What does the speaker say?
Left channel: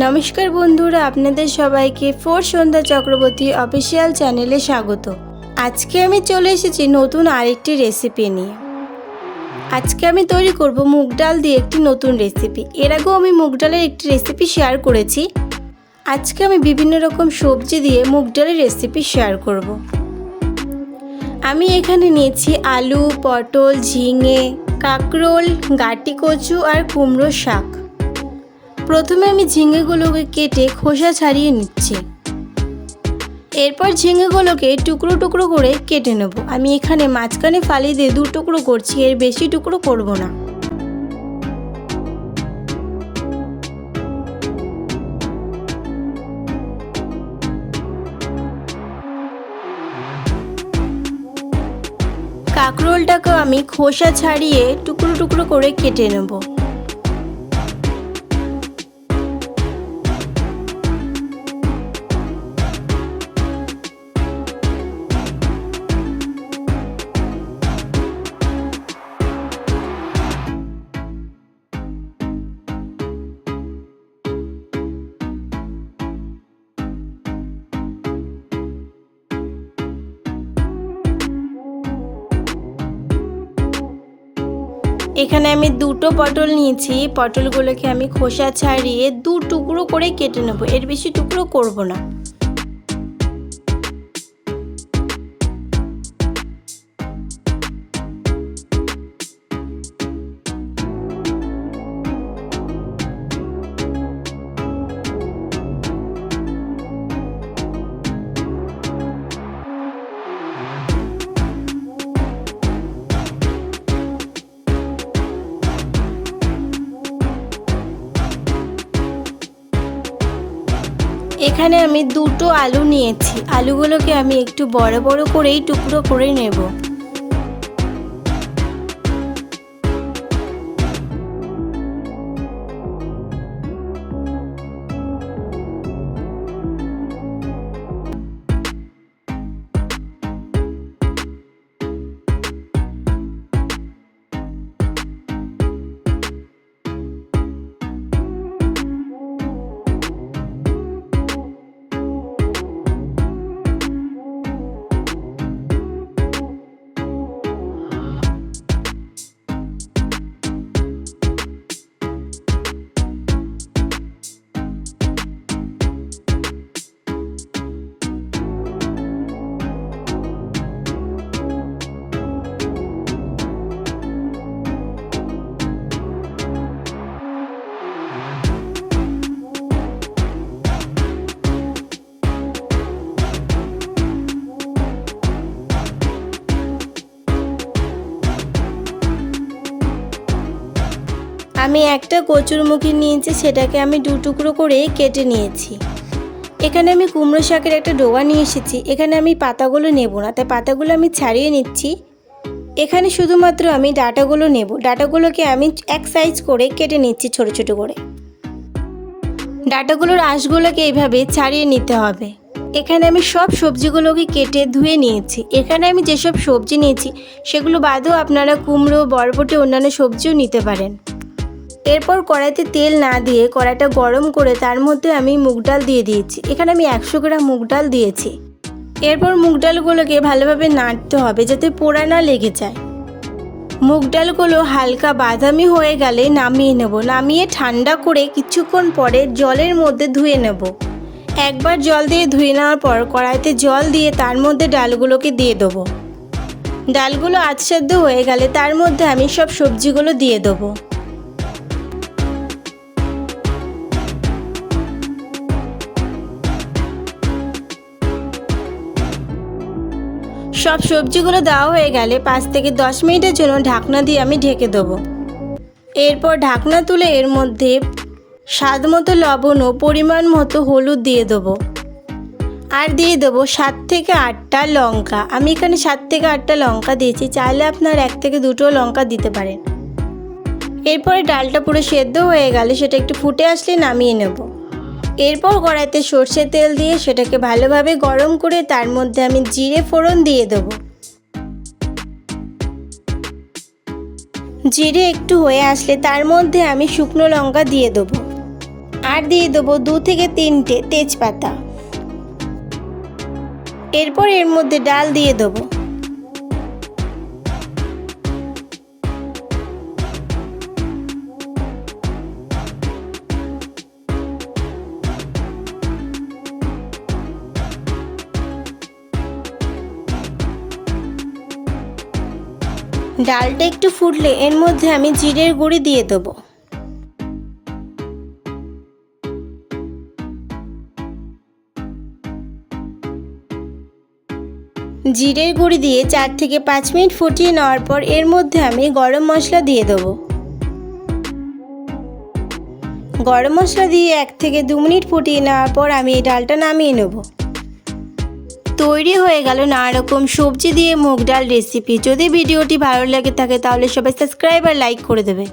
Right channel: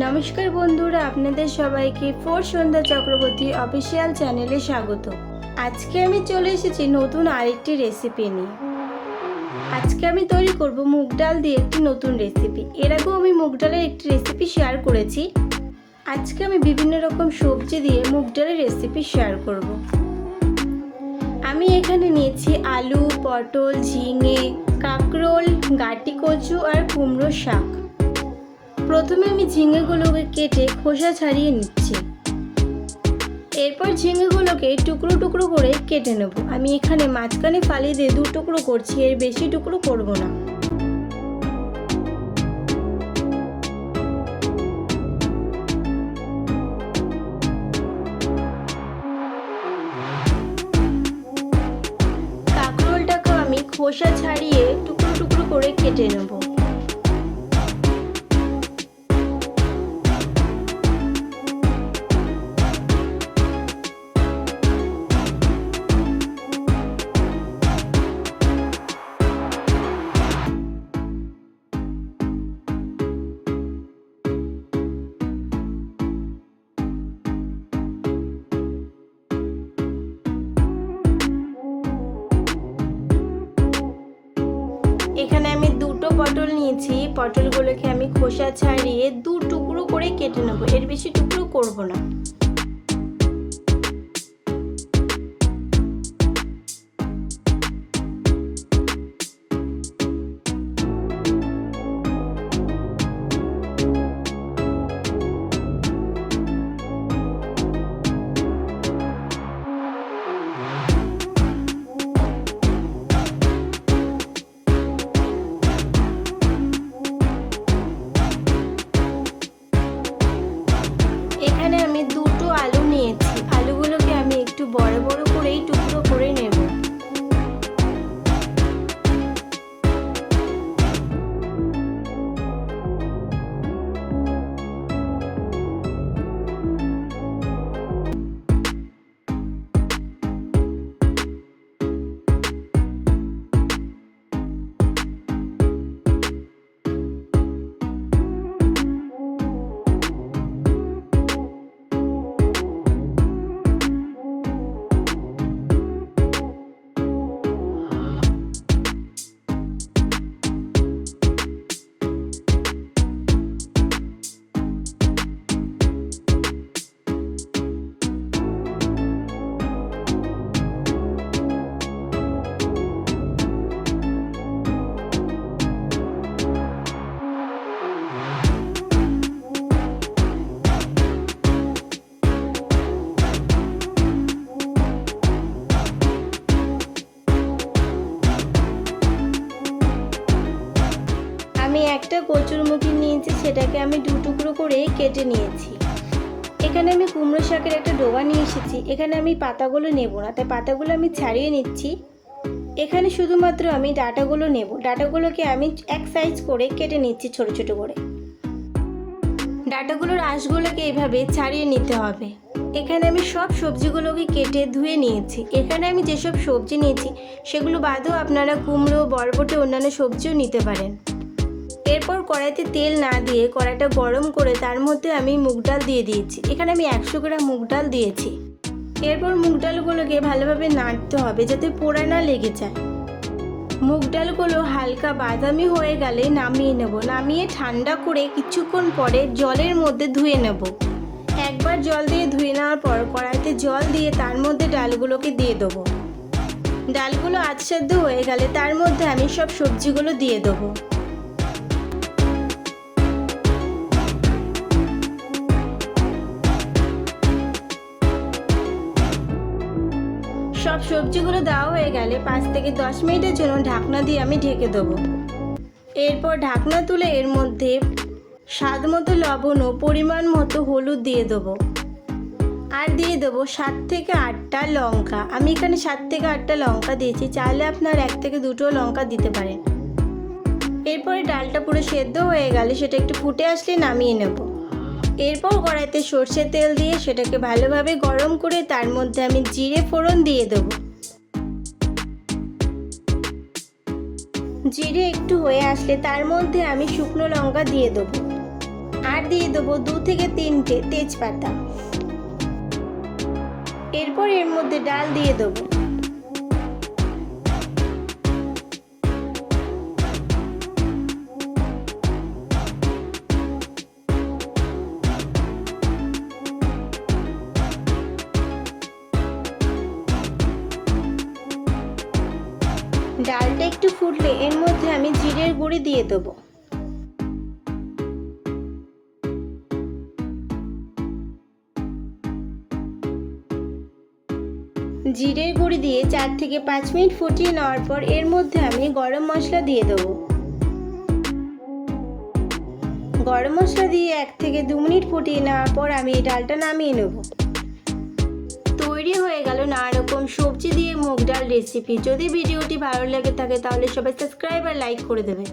নমস্কার বন্ধুরা, আপনাদের সবাইকে ফোর সন্ধ্যা চক্রবর্তী অফিসিয়াল চ্যানেলে স্বাগত। আজকে আমি চলে এসেছি নতুন আরেকটি রেসিপি নিয়ে। আজকে আমি তৈরি করব মুগ ডাল দিয়ে একটি নতুন রেসিপি। এর আগেও আমি মুগ ডালের একটি রেসিপি শেয়ার করেছি। আজকে আমি বিভিন্ন রকম সবজি দিয়ে মুগ ডালের রেসিপি শেয়ার করব। আমি এখানে নিয়েছি আলু, পটল, ঝিঙে, কাঁকরোল, গাটি কচু আর কুমড়ো শাক। প্রথমে আমি ঝিঙেগুলোকে কেটে খোসা ছাড়িয়ে নিচ্ছি। এরপর ঝিঙেগুলোকে টুকরো টুকরো করে কেটে নেব। আমি এখানে মাঝখানে ফালি দিয়ে দু টুকরো করছি, এর বেশি টুকরো করব না। কাঁকরোলটাকে আমি খোসা ছাড়িয়ে টুকরো টুকরো করে কেটে নেব। এখানে আমি দুটো পটল নিয়েছি। পটলগুলোকে আমি খোসা ছাড়িয়ে দু টুকরো করে কেটে নেব, এর বেশি টুকরো করব না। এখানে আমি দুটো আলু নিয়েছি। আলুগুলোকে আমি একটু বড় বড় করেই টুকরো করে নেব। আমি একটা কচুরমুখী নিয়েছি, সেটাকে আমি দু টুকরো করে কেটে নিয়েছি। এখানে আমি কুমড়ো শাকের একটা ডোয়া নিয়ে এসেছি। এখানে আমি পাতাগুলো নেব না, তাই পাতাগুলো আমি ছাড়িয়ে নিচ্ছি। এখানে শুধুমাত্র আমি ডাঁটাগুলো নেব। ডাঁটাগুলোকে আমি এক সাইজ করে কেটে নিচ্ছি ছোট ছোট করে। ডাঁটাগুলোর আঁশগুলোকে এইভাবে ছাড়িয়ে নিতে হবে। এখানে আমি সব সবজিগুলোকে কেটে ধুয়ে নিয়েছি। এখানে আমি যেসব সবজি নিয়েছি সেগুলো বাদেও আপনারা কুমড়ো, বরবটি, অন্যান্য সবজিও নিতে পারেন। এরপর কড়াইতে তেল না দিয়ে কড়াইটা গরম করে তার মধ্যে আমি মুগ ডাল দিয়ে দিয়েছি। এখানে আমি 100 গ্রাম মুগ ডাল দিয়েছি। এরপর মুগ ডালগুলোকে ভালোভাবে নাড়তে হবে যাতে পোড়া না লেগে যায়। মুগ ডালগুলো হালকা বাদামি হয়ে গেলে নামিয়ে নেব। নামিয়ে ঠান্ডা করে কিছুক্ষণ পরে জলের মধ্যে ধুয়ে নেব। একবার জল দিয়ে ধুয়ে নেওয়ার পর কড়াইতে জল দিয়ে তার মধ্যে ডালগুলোকে দিয়ে দেবো। ডালগুলো আধসেদ্ধ হয়ে গেলে তার মধ্যে আমি সব সবজিগুলো দিয়ে দেবো। সব সবজিগুলো দেওয়া হয়ে গেলে 5 থেকে 10 মিনিটের জন্য ঢাকনা দিয়ে আমি ঢেকে দেবো। এরপর ঢাকনা তুলে এর মধ্যে স্বাদ মতো লবণ ও পরিমাণ মতো হলুদ দিয়ে দেবো। আর দিয়ে দেবো 7 থেকে 8টা লঙ্কা। আমি এখানে 7 থেকে 8টা লঙ্কা দিয়েছি, চাইলে আপনার 1 থেকে 2টো লঙ্কা দিতে পারেন। এরপরে ডালটা পুরো সেদ্ধ হয়ে গেলে সেটা একটু ফুটে আসলে নামিয়ে নেব। এরপর কড়াইতে সরষের তেল দিয়ে সেটাকে ভালোভাবে গরম করে তার মধ্যে আমি জিরে ফোড়ন দিয়ে দেব। জিরে একটু হয়ে আসলে তার মধ্যে আমি শুকনো লঙ্কা দিয়ে দেবো আর দিয়ে দেবো 2 থেকে 3টে তেজপাতা। এরপর এর মধ্যে ডাল দিয়ে দেবো। ডালটা একটু ফুটলে এর মধ্যে আমি জিরের গুঁড়ি দিয়ে দেবো। জিরের গুঁড়ি দিয়ে 4 থেকে 5 মিনিট ফুটিয়ে নেওয়ার পর এর মধ্যে আমি গরম মশলা দিয়ে দেবো। গরম মশলা দিয়ে 1 থেকে 2 মিনিট ফুটিয়ে নেওয়ার পর আমি এই ডালটা নামিয়ে নেব। তৈরি হয়ে গেল নানা রকম সবজি দিয়ে মুগ ডাল রেসিপি। যদি ভিডিওটি ভালো লেগে থাকে তাহলে সবাই সাবস্ক্রাইব আর লাইক করে দেবে।